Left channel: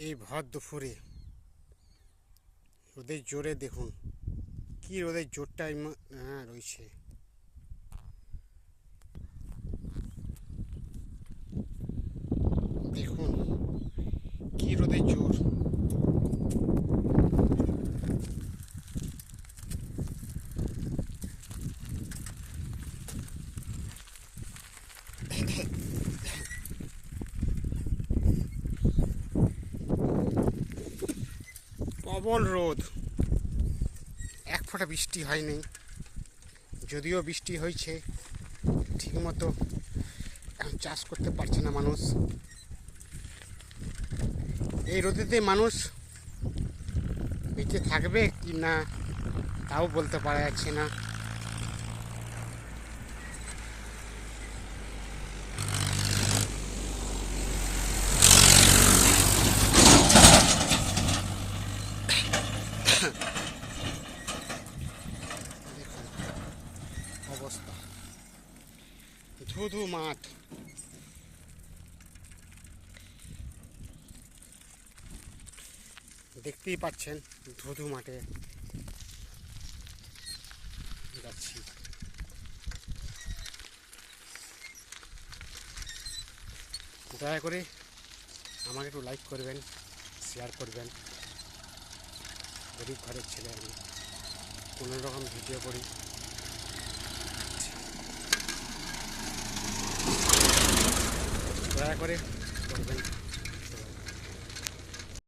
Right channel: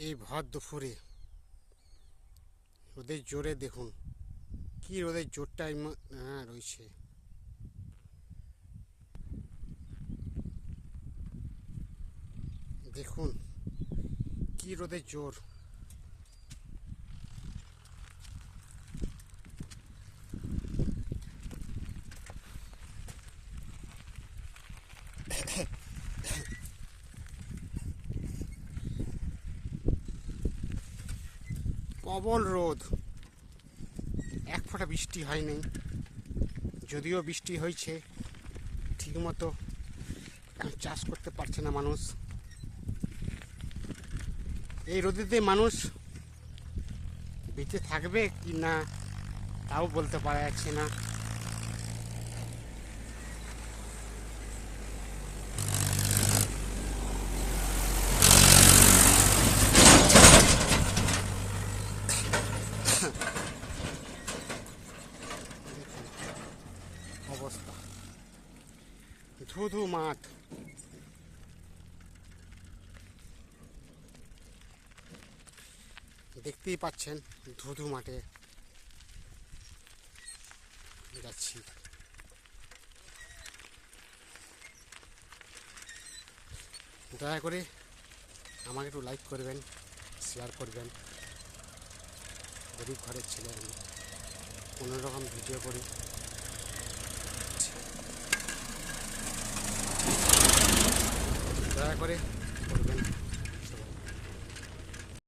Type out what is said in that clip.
এই ভর দুপুরে রোদের জোরে দেখুন কি রোদের জোরটা রয়েছে। দেখুন কি রোদের জোর। প্রবল রোদ, এক ফোঁটা বৃষ্টি হয়নি। যদিও বৃষ্টি হয়েছে ঠিকমতো চাষ করতে পারছে না মানুষ। এই রোদেতে মানুষ বেঁচে থাকবে কি না তাও বলতে পারা যাচ্ছে না। অবস্থা ধুধু মাঠ, দেখতেই পাচ্ছেন ধুধু মাঠে যাচ্ছি। দয়া করে আমাকে একটু লাইক করবেন, শেয়ার করবেন। গরিব ঘরের ছেলে, আমি কোনো রকম ভিডিও করি, দয়া করে করবেন।